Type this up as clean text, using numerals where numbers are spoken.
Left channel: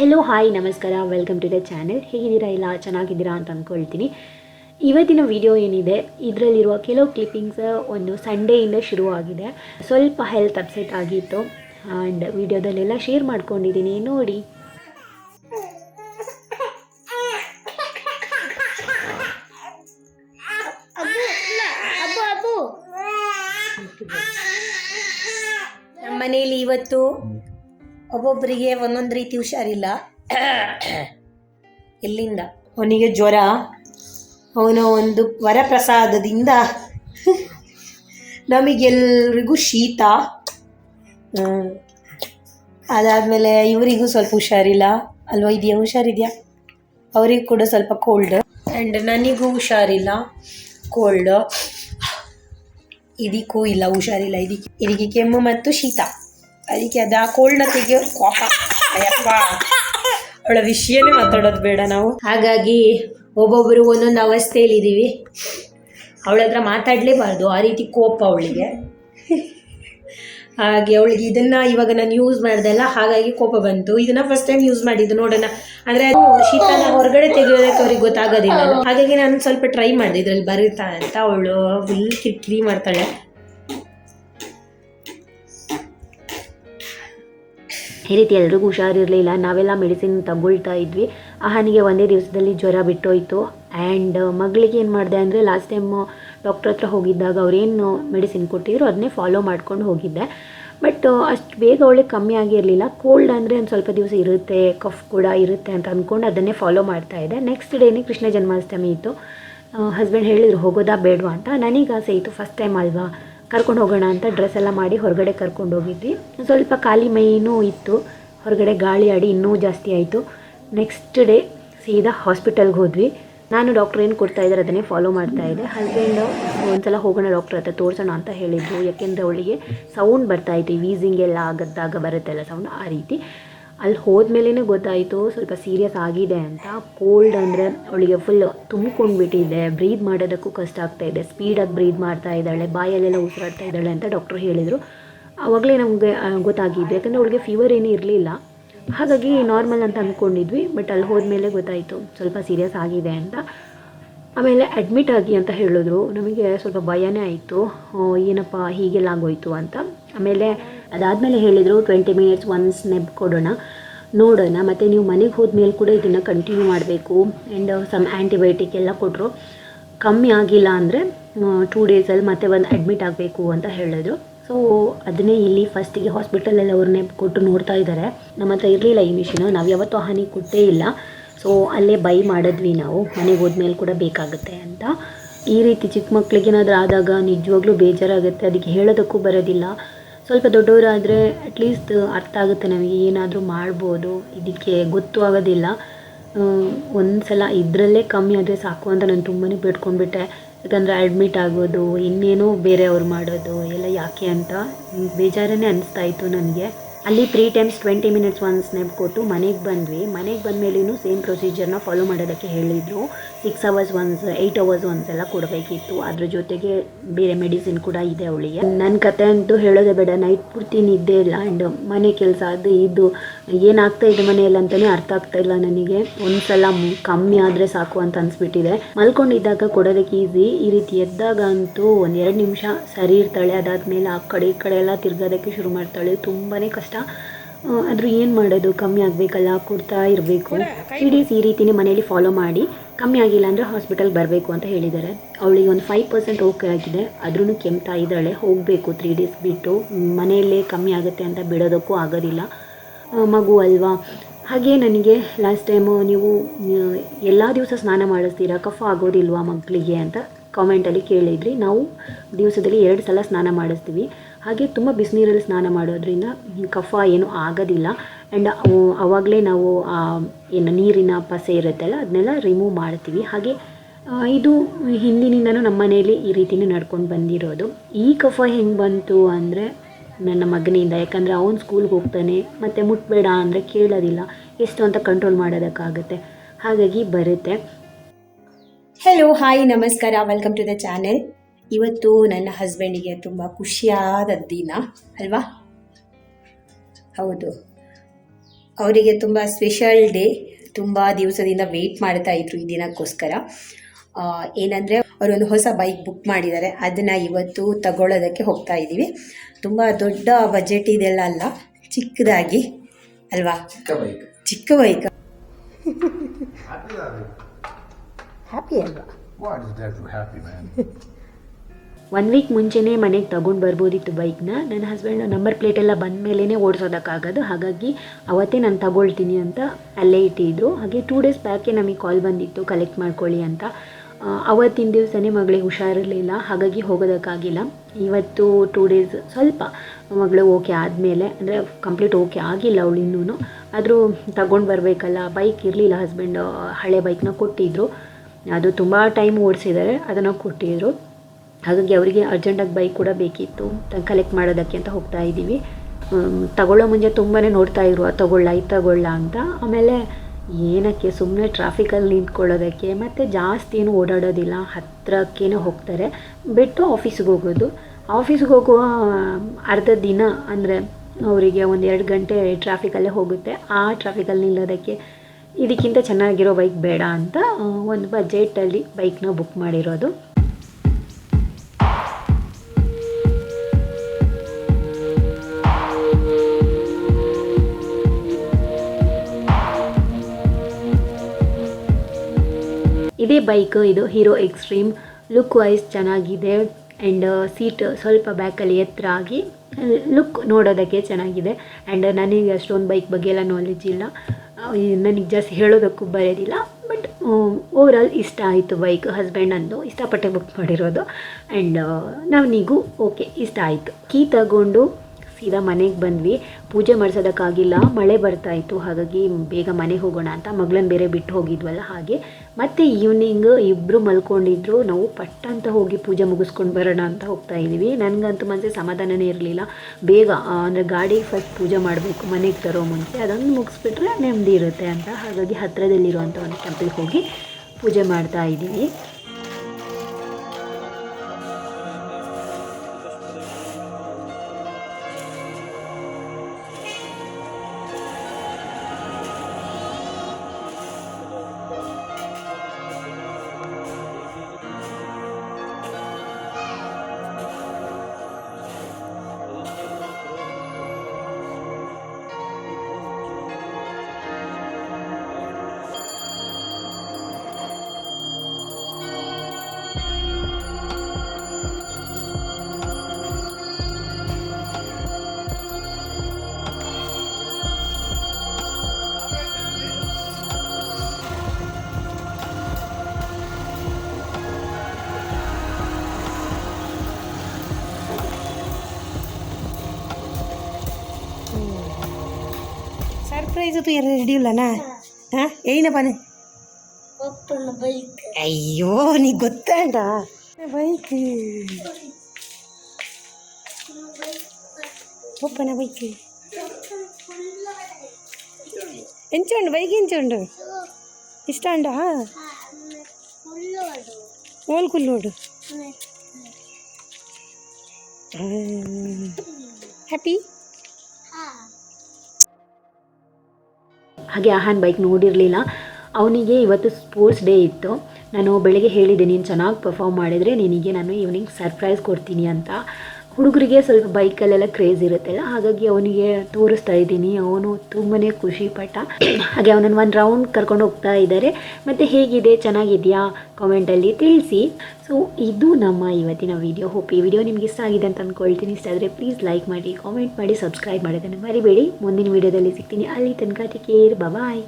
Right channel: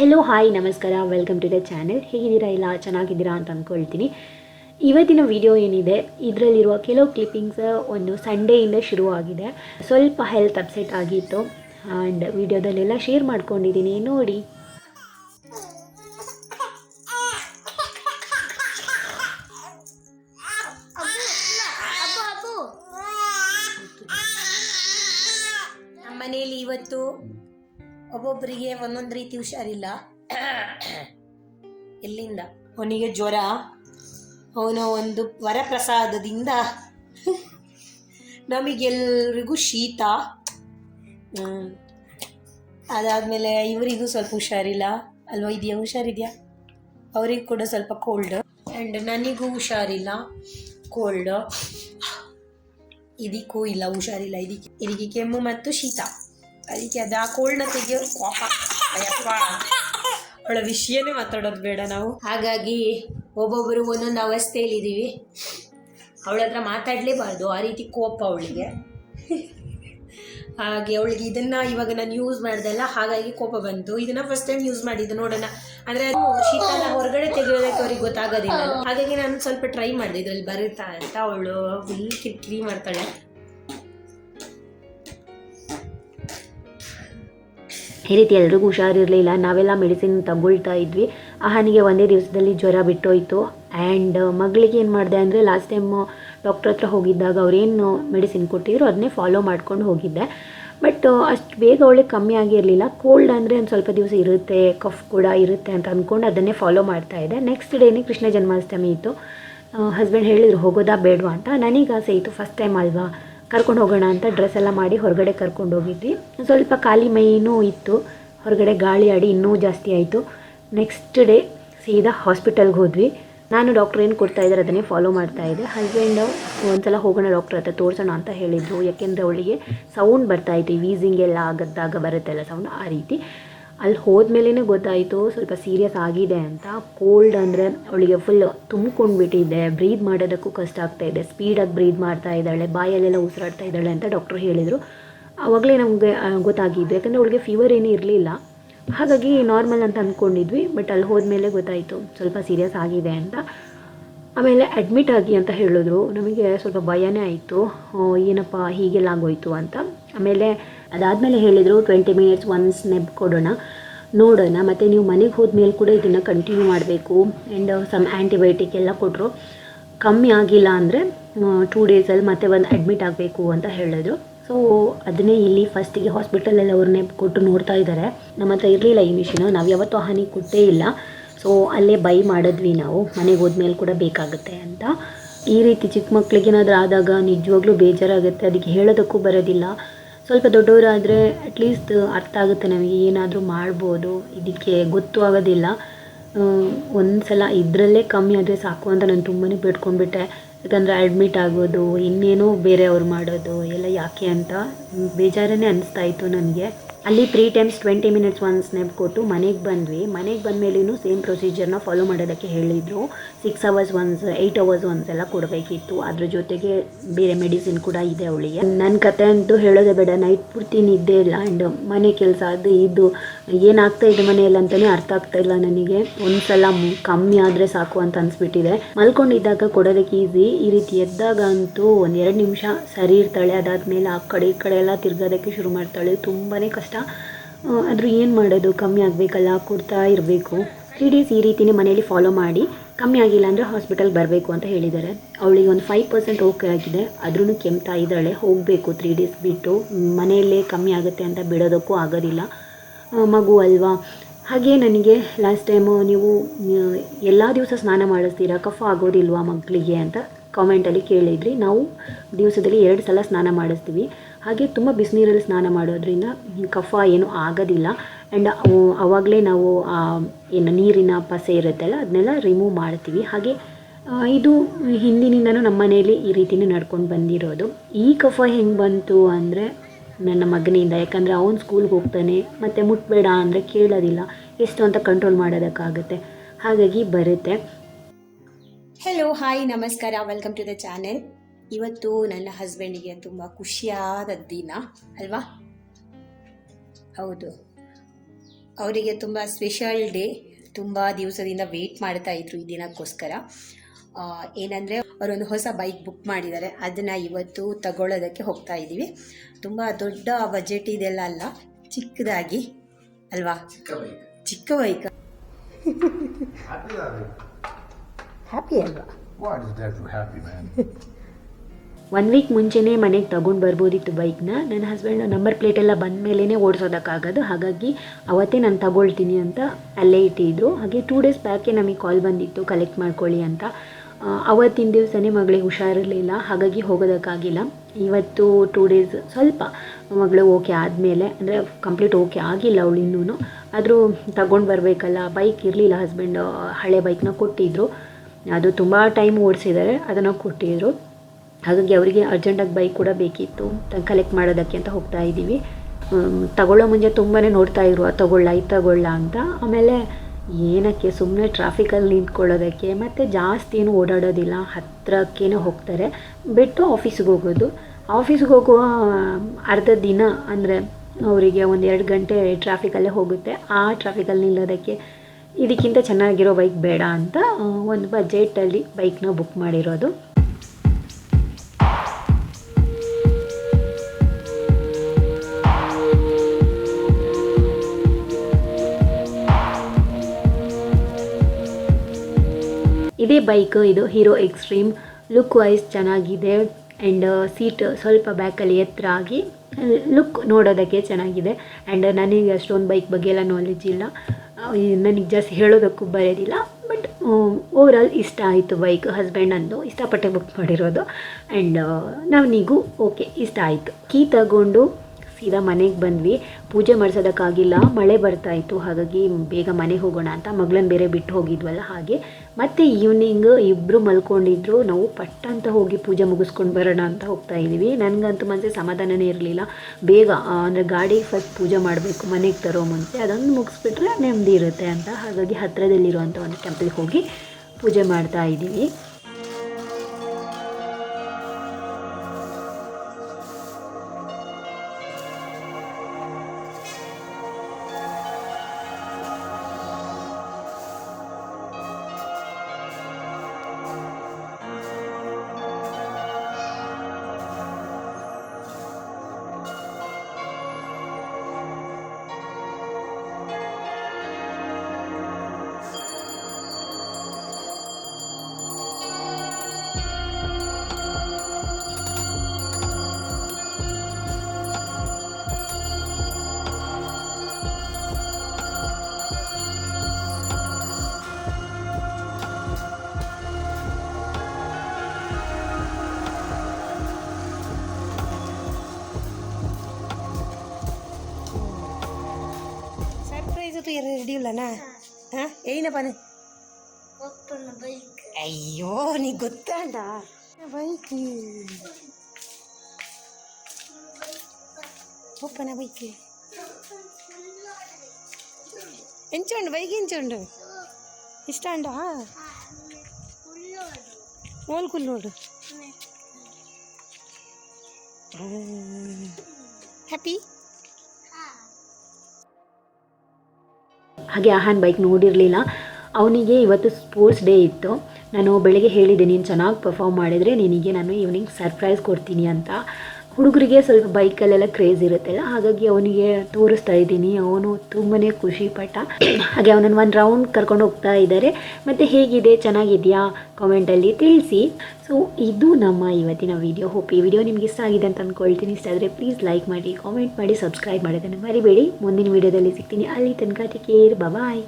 Hello hi ನಮಸ್ಕಾರ, welcome to the channel. ಹೇಗಿದ್ದೀರಾ? ಇಲ್ಲ ಚೆನ್ನಾಗಿದ್ದೀರಾ ಅಂತ ಅಂದ್ಕೊಳ್ತೀನಿ. ಇವತ್ತಿನ ವಿಡಿಯೋ ಏನಿದೆ, ಇದರಲ್ಲಿರುವ ಕೆಲವು ಕ್ಲಿಪ್ಪಿಂಗ್ಸ್ ಒಂದು ಸಂಡೇಯಿಂದ ಶುರುವಾಗಿದೆ. ಸ್ವಲ್ಪ ಹೆಲ್ತ್ ಅಪ್ಸೆಟ್ ಆಗಿತ್ತು ಆ್ಯಂಡ್ ವಿಡಿಯೋದಲ್ಲೆಲ್ಲ ಶೇರ್ ಮಾಡ್ಕೊಂಡಿದ್ದೀನಿ, ನೋಡಿ. ನಮ್ಮ ಮನೆಯಲ್ಲಿ ಇವತ್ತು ಒಬ್ಬೊಬ್ಬರಿಗೆ ಒಂದೊಂದು ರೀತಿ ಹುಷಾರಿಲ್ಲ. ಎಲ್ಲಿಂದ ಅವನಿಗೆ ಜ್ವರ, ಅವನ ಒಂದು ವರಪ್ರಸಾದದಿಂದ ನಮಗೆಲ್ಲರಿಗೂ ಶೀತ, ಅದಾದಮೇಲೆ ಇವರಿಗೂ ಸ್ವಲ್ಪ ಹುಷಾರಿಲ್ಲ ಅಲ್ವಾ? ಇದೆಯಾ? ಹುಷಾರಿದೆಯಾ? ಅವರಿಗೂ ಕೂಡ ಸ್ವಲ್ಪ ಕೋಲ್ಡ್, ಆ್ಯಂಡ್ ನನಗೂ ಹುಷಾರಿಲ್ಲ, ಕೋಲ್ಡ್. ಇದಕ್ಕೂ ಇಲ್ಲ ಹುಷಾರಿಲ್ಲ, ಇದಕ್ಕೆ ಕೆಮ್ಮು ಮತ್ತು ಶೀತ. ಅದಕ್ಕೆ ಅದು ಆ ಕೋಲ್ಡ್ನ ತೆಗಿಯೋ ಕೋಪ. ಅಯ್ಯಪ್ಪ, ಅವಳ ವಿಷಯನೇ ಮಾತಾಡೋದು ಬೇಡ ನಾವು. ಹಾಗಾಗಿ ಒಬ್ಬೊಬ್ಬರು ಒಂದೊಂದು ಅವಸ್ಥೆಯಲ್ಲಿದ್ದೀವಿ. ಅವಳ ಹತ್ರ ಮಾತಾಡಲೇಬಾರ್ದು, ಆ ರೀತಿ ಕೋಪ ಅವಳಿಗೆ. ಹಾಗೆ ಅವಳಿಗೆ ಇದನ್ನು ಇವಾಗ ನಾನು ಯೂಸ್ ಮಾಡ್ದಲ್ಲ, ಹಾಗಾಗಿ ಕೋಪ ಬಂತು. ಇದನ್ನು ಫಸ್ಟ್ ಟೈಮ್ ಯೂಸ್ ಮಾಡಿದ್ದು, ನೋಡೋಣ. ಅಂದರೆ ಅದು ಶೀತನ ಹೊರಗಡೆ ತೆಗೆಯೋದಕ್ಕೆ ಅವ್ರಿಗೆ ಗೊತ್ತಾಗೋದಿಲ್ಲ, ಹಾಗಾಗಿ ನಾನು ಸ್ವಲ್ಪ ಟ್ರೈ ಮಾಡಿದೆ ಇದರಲ್ಲಿ ಬರುತ್ತಾ ಅಂತ. ಅವಳು ಫುಲ್ ಕಿರಿಕಿರಿ ಮಾಡ್ತಾಳೆ. ಈ ರೀತಿ ಎಲ್ರಿಗೂ ಹುಷಾರಿರಲಿಲ್ಲ, ನಾವೆಲ್ಲ ಮೆಡಿಸಿನ್ ತಗೊಳ್ತಾ ಇದ್ವಿ. ಆಹನಿಗೆ ಒಂದೇ ದಿವಸದಲ್ಲಿ ಜ್ವರ ಬಿಟ್ಟೋಯ್ತು. ಆ್ಯಂಡ್ ಮಗಳಿಗೆ ಏನು ಮಾಡಿದೆ ಅಂದರೆ, ಲಾಸ್ಟ್ ಟೈಮ್ ಡಾಕ್ಟ್ರ್ ಹತ್ರ ಹೋಗಿದ್ದಾಗ ಅವ್ರೇನು ಮೆಡಿಸಿನ್ ಕೊಟ್ಟಿದ್ರು ಅದನ್ನೇ ಫಾಲೋ ಮಾಡ್ಕೊಂಡು ಹೋಗಿದ್ದೆ. ಬಟ್ ಅಷ್ಟು ಬೇಗ ಅವಳಿಗೆ ಕಮ್ಮಿ ಆಗಿರಲಿಲ್ಲ. ಕೋಲ್ಡ್ ಅಂದರೆ ಒಂದು ಸ್ವಲ್ಪ ದಿವಸ ಇರುತ್ತೆ, ಕಫ್ ಕೂಡ ಇರುತ್ತೆ ಅಂತ ಅಂದ್ಕೊಂಡು ಅದನ್ನೇ ಫಾಲೋ ಮಾಡ್ತಾಯಿದ್ದೆ. ನೆಕ್ಸ್ಟ್ ಡೇನೇ ಕೃಷ್ಣ ಜನ್ಮಾಷ್ಟಮಿ ಇತ್ತು. ಹಸ್ಬೆಂಡ್ ಹೇಳಿದರು ಹೋಗೋದಾ ಬೇಡವಾ ಅಂತ. ನನಗೆ ಆಸೆ ಇತ್ತು, ಫಸ್ಟ್ ಟೈಮ್ ಅಲ್ವಾ, ಕರ್ಕೊಂಡು ಹೋಗೋಣ ಅಂತ ಡ್ರೆಸ್ ಎಲ್ಲ ಮಾಡಿ ಹೊರಗಡೆ ಕರ್ಕೊಂಡು ಹೋಗಿದ್ವಿ. ಸ್ವಲ್ಪ ಖಾಲಿ ಮೈನೂ ಇತ್ತು, ಹೊರಗಡೆ ಗಾಳಿ ಆಡಿ ಇನ್ನೂ ಜಾಸ್ತಿ ಆಯಿತು. ನೆಕ್ಸ್ಟ್ ಡೇ ಸೀದಾ ಹಾಸ್ಪಿಟಲ್ಗೆ ಹೋದ್ವಿ. ನಾನು ಡಾಕ್ಟ್ರ್ ಏನು ಕೊಡ್ತಾ ಇದ್ದಾರೆ ಅದನ್ನೇ ಫಾಲೋ ಮಾಡ್ತಾಯಿದ್ದೆ. ಹಸ್ಬೆಂಡು ಒಂದು ಸಲ ಹೋಗೋಣ ಡಾಕ್ಟ್ರ್ ಹತ್ರ ತೋರಿಸೋಣ ಅಂತ ಹೇಳಿದರು. ಯಾಕೆಂದರೆ ಅವಳಿಗೆ ಸೌಂಡ್ ಬರ್ತಾಯಿತ್ತು, ಈ ವೀಸಿಂಗ್ ಎಲ್ಲ ಆಗದ್ದಾಗ ಬರುತ್ತಲ್ಲ ಸೌಂಡ್, ಆ ರೀತಿ. ಅಲ್ಲಿ ಹೋದ್ಮೇಲೆ ಗೊತ್ತಾಯಿತು ಸ್ವಲ್ಪ ಸೀರಿಯಸ್ ಆಗಿದೆ ಅಂತ. ಕೋಲ್ಡ್ ಅಂದರೆ ಅವಳಿಗೆ ಫುಲ್ ತುಂಬ್ಕೊಂಡ್ಬಿಟ್ಟಿದೆ, ಬ್ರೀದ್ ಮಾಡೋದಕ್ಕೂ ಕಷ್ಟ ಆಗ್ತಾಯಿದೆ, ಸ್ಪೀಡಾಗಿ ಬ್ರೀದ್ ಮಾಡ್ತಾ ಇದ್ದಾಳೆ, ಬಾಯಲ್ಲೆಲ್ಲ ಉಸಿರಾಡ್ತಾ ಇದ್ದಾಳೆ ಅಂತ ಡಾಕ್ಟ್ರು ಹೇಳಿದರು. ಆವಾಗಲೇ ನಮಗೆ ಗೊತ್ತಾಗಿದ್ದು, ಯಾಕಂದರೆ ಅವಳಿಗೆ ಫೀವರ್ ಏನೂ ಇರಲಿಲ್ಲ, ಹಾಗಾಗಿ ನಾರ್ಮಲ್ ಅಂತ ಅಂದ್ಕೊಂಡಿದ್ವಿ. ಬಟ್ ಅಲ್ಲಿ ಹೋದ್ಮೇಲೆ ಗೊತ್ತಾಯಿತು ಸ್ವಲ್ಪ ಸೀರಿಯಸ್ ಆಗಿದೆ ಅಂತ. ಆಮೇಲೆ ಅಡ್ಮಿಟ್ ಆಗಿ ಅಂತ ಹೇಳಿದ್ರು. ನಮಗೆ ಸ್ವಲ್ಪ ಭಯನೇ ಆಯಿತು, ಏನಪ್ಪ ಹೀಗೆಲ್ಲ ಆಗೋಯ್ತು ಅಂತ. ಆಮೇಲೆ ಅದಾದಮೇಲೆ ಹೇಳಿದರು 20 ಮಿನಿಟ್ಸ್ ಒನ್ಸ್ ನೆಬ್ ಕೊಡೋಣ, ನೋಡೋಣ, ಮತ್ತು ನೀವು ಮನೆಗೆ ಹೋದ್ಮೇಲೆ ಕೂಡ ಇದನ್ನು ಕಂಟಿನ್ಯೂ ಮಾಡಬೇಕು. ಆ್ಯಂಡ್ ಸಮ್ ಆ್ಯಂಟಿಬಯೋಟಿಕ್ ಎಲ್ಲ ಕೊಟ್ಟರು. ಕಮ್ಮಿ ಆಗಿಲ್ಲ ಅಂದರೆ 2 ಡೇಸಲ್ಲಿ ಮತ್ತೆ ಒಂದು ಅಡ್ಮಿಟ್ ಆಗಬೇಕು ಅಂತ ಹೇಳಿದ್ರು. ಸೊ ಅದನ್ನೇ ಇಲ್ಲಿ ಫಸ್ಟಿಗೆ ಹಾಸ್ಪಿಟಲಲ್ಲಿ ಅವ್ರನ್ನೇ ಕೊಟ್ಟು ನೋಡ್ತಾ ಇದ್ದಾರೆ. ನಮ್ಮ ಹತ್ರ ಇರಲಿಲ್ಲ ಈ ಮಿಷಿನು, ನಾವು ಯಾವತ್ತೂ ಹಾನಿ ಕೊಟ್ಟೇ ಇಲ್ಲ. ಸೊ ಅಲ್ಲೇ ಬೈ ಮಾಡಿದ್ವಿ ನಾವು, ಮನೆಗೆ ಹೋದ್ಮೇಲೆ ಕೂಡ ಬೇಕಾಗುತ್ತೆ ಅಂತ. ಈ ರೀತಿ ಚಿಕ್ಕ ಮಕ್ಳಿಗೆ ಏನಾದರೂ ಆದಾಗ ನಿಜವಾಗ್ಲೂ ಬೇಜಾರಾಗುತ್ತೆ, ಅದಕ್ಕೆ ಹೇಳೋದಕ್ಕೂ ಬರೋದಿಲ್ಲ. ಸ್ವಲ್ಪ ದೊಡ್ಡವರಾದರೆ ಅಟ್ಲೀಸ್ಟ್ ಅರ್ಥ ಆಗುತ್ತೆ, ನಮಗೆ ಏನಾದರೂ ಮಾಡ್ಬೋದು, ಇದಕ್ಕೆ ಗೊತ್ತು ಆಗೋದಿಲ್ಲ. ಒಂದು ಸಲ ಇದರಲ್ಲೇ ಕಮ್ಮಿ ಆದರೆ ಸಾಕು ಅಂತ ನಾನು ತುಂಬಾ ಬೇಡ್ಕೊಂಡ್ಬಿಟ್ಟೆ. ಯಾಕಂದರೆ ಅಡ್ಮಿಟ್ ಆಗೋದು, ಇನ್ನೇನೋ ಬೇರೆಯವ್ರು ಮಾಡೋದು ಎಲ್ಲ ಯಾಕೆ ಅಂತ ಬೇಜಾರನ್ನೇ ಅನಿಸ್ತಾಯಿತ್ತು ನನಗೆ. ಅಲ್ಲಿ 3 ಟೈಮ್ಸ್ 20 ಮಿನಿಟ್ಸ್ ಒನ್ಸ್ ನೆಬ್ ಕೊಟ್ಟು ಮನೆಗೆ ಬಂದ್ವಿ. ಮನೆಗೆ ಬಂದಮೇಲೂ ಸೇಮ್ ಪ್ರೊಸೀಜರ್ನ ಫಾಲೋ ಮಾಡೋದಕ್ಕೆ ಹೇಳಿದರು. 6 ಅವರ್ಸ್ ಒನ್ಸ್, 8 ಅವರ್ಸ್ ಒನ್ಸ್ ಎಲ್ಲ ಕೊಡಬೇಕಿತ್ತು. ಅದ್ರ ಜೊತೆಗೆ ಬೇರೆ ಮೆಡಿಸಿನ್ ಕೂಡ ಇದೆ ಅವಳಿಗೆ. ನನ್ನ ಕತೆ ಅಂತೂ ಹೇಳೋದೇ ಬೇಡ, ನೈಟ್ ಪೂರ್ತಿ ನಿದ್ದೆ ಇಲ್ಲ. ಆ್ಯಂಡ್ ಮನೆ ಕೆಲಸ ಅದು ಇದು ಏನಾಗ್ತಾಯಿದೆ ಮನೆಯಲ್ಲಿ ಅಂತಲೇ ಅರ್ಥ ಆಗ್ತಾಯಿಲ್ಲ ನನಗೆ. ಒಂದು ಸಲ ಕಮ್ಮಿ ಆದರೆ ಸಾಕು ಅಂತ ಅನಿಸ್ಬಿಟ್ಟಿದೆ. ಮಲ್ಕೊಂಡಿದ್ದಾಗ ಕೊಡೋದಕ್ಕೆ ಈಸಿ, ಈ ರೀತಿ ಎದ್ದಾಗ ಅಂತೂ 1-2 ನಿಮಿಷ ಸರಿ ಇರ್ತಾಳೆ, ಅದಾದಮೇಲೆ ಆ ಕಡೆ ಈ ಕಡೆ ಎಲ್ಲ ತಿರ್ಗೋದಕ್ಕೆ ಶುರು ಮಾಡ್ತಾಳೆ. ತುಂಬಾ ಕಷ್ಟ. ಆದರೂ ಏನು ಮಾಡೋದು, ಕಮ್ಮಿ ಆಗಬೇಕಲ್ಲ, ಕೊಡ್ತಾ ಇರಬೇಕು. 3 ಡೇಸ್ ಈ ರೀತಿಯೇ ಮನೇಲಿ ಫಾಲೋ ಮಾಡಿ, ಕಮ್ಮಿ ಆಗಿಲ್ಲ ಅಂದರೆ ಹಾಸ್ಪಿಟಲ್ಗೆ ಬರಬೇಕು ಅಂತ ಹೇಳಿದ್ದಾರೆ. ಅವಳಿಗೆ ಒಂದು 5% ಓಕೆ ಆಗಿದೆ, ಆದ್ರೂ ಕೆಮ್ತಾ ಇದ್ದಾಳೆ. ಹೋಗಬೇಕು 3 ಡೇಸ್ ಬಿಟ್ಟು, ಮನೆಯಲ್ಲೇ ಕಮ್ಮಿ ಆಗುತ್ತೆ ಅಂತ ಬಿಡೋದಕ್ಕೂ ಆಗೋದಿಲ್ಲ, ಮಗು ಅಲ್ವಾ. ಹಾಗೆ ನನಗೆ ಲಾಸ್ಟ್ ಟೈಮು ನೀವು ಎಲ್ಲ ದಿವಸ ಸ್ನಾನ ಮಾಡಿಸ್ತೀರಾ, ಕಫ ಆಗೋದಿಲ್ವಾ ಮಕ್ಕಳಿಗೆ ಅಂತ ಕಾಮೆಂಟಲ್ಲಿ ಕೇಳಿದ್ರಿ. ನಾವು ದಿವಸದಲ್ಲಿ 2 ಸಲ ಸ್ನಾನ ಮಾಡಿಸ್ತೀವಿ. ಹಾಗೆ ತುಂಬ ಬಿಸಿನೀರಲ್ಲಿ ಸ್ನಾನ ಮಾಡೋದ್ರಿಂದ ಕಫ ಏನೂ ಆಗೋದಿಲ್ಲ. ಆ್ಯಂಡ್ ಆವಾಗಲೇ ನಾವು ಏನು ನೀರಿನ ಪಸೆ ಇರುತ್ತಲ್ಲ ಅದನ್ನೆಲ್ಲ ರಿಮೂವ್ ಮಾಡ್ತೀವಿ. ಹಾಗೆ ಇದು ಹಿಂದಿನಿಂದನೂ ನಮ್ಮ ಮನೆಯಲ್ಲಿ ಈ ರೀತಿಯೇ ನಡ್ಕೊಂಡು ಬಂದಿರೋದು. ಈ ಕಫ ಹೆಂಗೆ ಬಂತು ಅಂದರೆ ನನ್ನ ಮಗನಿಂದ. ಯಾಕಂದರೆ ಅವ್ನು ಸ್ಕೂಲ್ಗೆ ಹೋಗ್ತಾನೆ, ಮತ್ತು ಮುಟ್ಬೇಡ ಅಂದರೆ ಕೇಳೋದಿಲ್ಲ, ಎಷ್ಟು ಅಂತ ಕಂಟ್ರೋಲ್ ಮಾಡೋದಕ್ಕಾಗುತ್ತೆ, ಹಾಗಾಗಿ ಬರುತ್ತೆ. ಹೆಲೋ ಹಾಯ್ ನಮಸ್ಕಾರ, ವೆಲ್ಕಮ್ ಟು ದ ಚಾನೆಲ್. ಇವತ್ತು ನನ್ನ ಹಸ್ಬೆಂಡಿಗೆ ತುಂಬ ಖುಷಿಯಾದ ದಿನ ಅಲ್ವಾ? ಹೌದು, ಅವರಿಗೆ ತುಂಬ ಸ್ಪೆಷಲ್ ಡೇ. ತುಂಬ ದಿವಸದಿಂದ ವೆಯ್ಟ್ ಮಾಡ್ತಾ ಇದ್ರು ಈ ದಿನಕ್ಕೋಸ್ಕರ. ಏನಂದರೆ ಅವರೊಂದು ಹೊಸ ಬೈಕ್ ಬುಕ್ ಮಾಡಿದ್ದಾರೆ, ಅದನ್ನು ಇವತ್ತು ತಗೊಳ್ಳೋದಕ್ಕೆ ಹೋಗ್ತಾ ಇದ್ದೀವಿ. ತುಂಬ ದೊಡ್ಡ ಬಜೆಟ್ ಇದೆಲ್ಲ ಅಲ್ಲ, ಚಿಕ್ಕದಾಗಿ ಅಲ್ವಾ, ಚಿಕ್ಕ ಬೈಕ್. ಹ್ಯಾಪಿ ಅಲ್ವಾ? 1 ವೀಕ್ ಮುಂಚೆನೇ ಮನೆಗೆ ತೊಗೊಂಡು ಬರ್ಬೋದಿತ್ತು ಬೈಕ್ನ. ನನ್ನ ಹಸ್ಬೆಂಡ್ ನಂಬರ್ ಪ್ಲೇಟ್ ಎಲ್ಲ ಬಂದ ಮೇಲೇ ಓಡಿಸೋದಕ್ಕಾಗೋದು, ಹಾಗಾಗಿ ಅವತ್ತೇ ನಾನು ತಗೊಳ್ತೀನಿ ಅಂತ ಅಲ್ಲೇ ಇಟ್ಟಿದ್ರು. ಹಾಗೆ 2 ಡೇಸ್ ಬ್ಯಾಕೆ ನಮಗೆ ಕಾಲ್ ಬಂದಿತ್ತು ಕಲೆಕ್ಟ್ ಮಾಡ್ಕೊಳ್ಳಿ ಅಂತ. ಅವತ್ತಿನ ದಿವಸನೇ ಮಗಳಿಗೆ ಹುಷಾರಿರಲಿಲ್ಲ, ಹಾಗಾಗಿ ಹೋಗೋದಕ್ಕಾಗಿಲ್ಲ. ಇವತ್ತು 2 ಡೇಸ್ ಸ್ವಲ್ಪ ಮಗಳು ಓಕೆ ಆದಮೇಲೆ, ಅಂದರೆ ಕಂಪ್ಲೀಟ್ ಓಕೆ ಆಗಿಲ್ಲ ಅವಳು ಇನ್ನೂ, ಆದರೂ ತಗೊಂಡು ಬರಬೇಕಲ್ಲ. ಬೈಕ್ ಇರಲಿಲ್ಲ, ಹಸ್ಬೆಂಡ್ ಹಳೆ ಬೈಕ್ನ ಕೊಟ್ಟಿದ್ದರು, ಅದು ತುಂಬ ಟೈಮ್ ಓಡಿಸಿದ್ದಾರೆ, ಅದನ್ನು ಕೊಟ್ಟಿದ್ದರು. ಹಾಗಾಗಿ ಅವರಿಗೆ ಅರ್ಜೆಂಟಾಗಿ ಬೈಕ್ ಕೂಡ ಬೇಕಿತ್ತು, ಕಲೆಕ್ಟ್ ಮಾಡೋದಕ್ಕೆ ಅಂತ ಹೋಗ್ತಾ ಇದ್ದೀವಿ. ತಗೊಳ್ಳೋ ಮುಂಚೆ ತುಂಬಾ ನೋಡ್ತಾ ಇದ್ರು, ತಗೊಳ್ಳ ಅಂತ. ಆಮೇಲೆ ಏನಕ್ಕೆ ಸುಮ್ಮನೆ ಟ್ರಾಫಿಕಲ್ಲಿ ನಿಂತ್ಕೊಳ್ಳೋದಕ್ಕೆ, ಮತ್ತು ಜಾಸ್ತಿ ಏನು ಓಡಾಡೋದಿಲ್ಲ, ಹತ್ತಿರಕ್ಕೇ ಹೋಗ್ತಾರೆ, ಬಿಟ್ಟು ಆಫೀಸಿಗೆ ಹೋಗೋದು. ಆಫೀಸ್ಗೆ ಹೋಗುವ ಅರ್ಧ ದಿನ ಅಂದರೆ ಅವರಿಗೆ 1-2 ಗಂಟೆ ಟ್ರಾಫಿಕಲ್ಲೇ ಹೋಗುತ್ತೆ. ಆ ಟ್ರಾಫಿಕಲ್ಲಿ ನಿಲ್ಲೋದಕ್ಕೆ ಇದಕ್ಕಿಂತ ಚೆನ್ನಾಗಿರೋ ಬೈಕ್ ಬೇಡ ಅಂತ ಒಂದು ಬಜೆಟಲ್ಲಿ ಬೈಕ್ನ ಬುಕ್ ಮಾಡಿರೋದು. ಇದೇ ಬೈಕ್, ಇದು ಹೀರೋ ಎಕ್ಸ್ಟ್ರೀಮ್. ಲುಕ್ ವೈಸ್ ಚೆನ್ನಾಗಿದೆ, ಆ್ಯಂಡ್ ಸೀಟ್ ಸ್ವಲ್ಪ ಬ್ಯಾಕಲ್ಲಿ ಎತ್ತರ ಆಗಿ ಲುಕ್ ನೋಡೋದಕ್ಕೆ ಚೆನ್ನಾಗಿದೆ. ಆ್ಯಂಡ್ ನನಗೆ ಅಷ್ಟೊಂದು ಬೈಕ್ ಬಗ್ಗೆ ಎಲ್ಲ ನಾಲೆಜ್ ಇಲ್ಲ, ನನಗೆ ಜಾಸ್ತಿ ಹೇಳೋದಕ್ಕೂ ಬರೋದಿಲ್ಲ. ಬಟ್ ಓವರಾಲ್ ಇಷ್ಟ ಆಯಿತು ಬೈಕ್, ಹಸ್ಬೆಂಡ್ ಅಂದು ಇಷ್ಟಪಟ್ಟೆ ಬುಕ್ ಮಾಡಿರೋದು. ಆ್ಯಂಡ್ ನವನಿಗೂ ಓಕೆ ಇಷ್ಟ ಆಯಿತು. ಕೀ ತಗೊಂಡು ಸೀದಾ ಮನೆಗೆ ಬಂದ್ವಿ. ಪೂಜೆ ಮಾಡಿಸೋದಕ್ಕಾಗಿಲ್ಲ, ಮಳೆ ಬರ್ತಾಯಿತ್ತು, ಹಾಗಾಗಿ ಬೇಗ ಮನೆಗೆ ಹೋಗೋಣ ಅಂತ ಮಗಳನ್ನ ಬೇರೆ ಬಿಟ್ಟು ಹೋಗಿದ್ವಲ್ಲ, ಹಾಗೆ. ಮತ್ತು ಈವ್ನಿಂಗ್ ಇಬ್ಬರು ಮಲ್ಕೊಂಡಿದ್ರು, ನಾವು ಪಟ್ಟ ಅಂತ ಹೋಗಿ ಪೂಜೆ ಮುಗಿಸ್ಕೊಂಡು ಬರೋಣ ಅಂತ ಹೋಗ್ತಾ ಇದ್ದೀವಿ. ನನಗಂತೂ ಮನಸ್ಸಿಗೆ ಸಮಾಧಾನನೇ ಇರಲಿಲ್ಲ. ಬೇಗ ಅಂದರೆ ಗಾಡಿ ಫಸ್ಟ್ ಪೂಜೆ ಮಾಡಬೇಕು ಮನೆಗೆ ತರೋ ಮುಂಚೆ, ಅದೊಂದು ಮುಗಿಸ್ಬಿಟ್ರೆ ನೆಮ್ಮದಿ ಇರುತ್ತೆ ಅಂತ. ಹಾಗಾಗಿ ಹತ್ತಿರದಲ್ಲಿರುವಂಥ ಒಂದು ಟೆಂಪಲ್ಗೆ ಹೋಗಿ ಪೂಜೆ ಮಾಡ್ತಾ ಇದ್ದೀವಿ. ಸರ್ಪ್ರೈಸ್ ರೆಡಿ ಇಲ್ಲನಾ? ಹಾಂ ಏನಪ್ಪ ಬೈಕ್? ಅಯ್ಯೋ ನೀ ಗೊತ್ತಾಂಡ ಬೈಕ್ ಒಪ್ಪನ ಬೈಕ್ ಎಂಚುಂಡು ಬೈಕ್ ಎಂಚುಂಡು ಇಷ್ಟ ಅಂಡ ಓಲ್ ಕುಲ್ಲೋಡು ಹ್ಯಾಪಿ. ಹಾಗೆ ಆಹಾನ್ ಬೈಕ್ ನೋಡಿರಲಿಲ್ಲ, ಅವನಿಗೆ ಇವತ್ತು ಸ್ಪೋರ್ಟ್ಸ್ ಡೇ ಇತ್ತು. ನಾನು ಬೆಳಗ್ಗೆ ಹೇಳಿದ್ದೆ, ನೀನು ಚೆನ್ನಾಗಿ ಪರ್ಫಾರ್ಮ್ ಮಾಡಿದರೆ ನಿನಗೆ ನಾನು ಈವ್ನಿಂಗ್ ಸರ್ಪ್ರೈಸ್ ಕೊಡ್ತೀನಿ ಅಂತ. ಹುಡುಗರಿಗೆ ಸ್ವಲ್ಪ ಬೈಕಲ್ಲೆಲ್ಲ ಕ್ರೇಜ್ ಇರುತ್ತಲ್ಲ, ಹಾಗಾಗಿ ಅವನಿಗೆ ತೋರಿಸ್ತಾ ಇದ್ದೀನಿ. ಅವನು ತುಂಬಾ ಖುಷಿಪಟ್ಟ. ಹಾಗೆ ಅವನನ್ನು ಒಂದು ರೌಂಡ್ ಕರ್ಕೊಂಡು ಹೋಗ್ತಾ ಇದ್ದಾರೆ. ಮತ್ತು ಹೇಗಿದೆ, ಚೆನ್ನಾಗಿದೆಯಾ ಕಾಮೆಂಟಲ್ಲಿ ತಿಳಿಸಿ. ಸೊ ಇದು ನಮ್ಮ ಇವತ್ತಿನ ವಿಡಿಯೋ. ಹೋಪ್ ಈ ವಿಡಿಯೋ ನಿಮ್ಗೆ ಇಷ್ಟ ಆಗಿದೆ ಅಂತ ಅಂದ್ಕೊಳ್ತೀನಿ. ಇಷ್ಟ ಆದರೆ ಪ್ಲೀಸ್ ಲೈಕ್ ಮಾಡಿ, ಕಾಮೆಂಟ್ ಮಾಡಿ, ಸಬ್ಸ್ಕ್ರೈಬ್ ಮಾಡೋದನ್ನು ಮರಿಬೇಡಿ. ಮುಂದಿನ ವಿಡಿಯೋದಲ್ಲಿ ಸಿಗ್ತೀನಿ. ಅಲ್ಲಿ ತನಕ ಟೇಕ್ ಕೇರ್, ಬಾಯ್.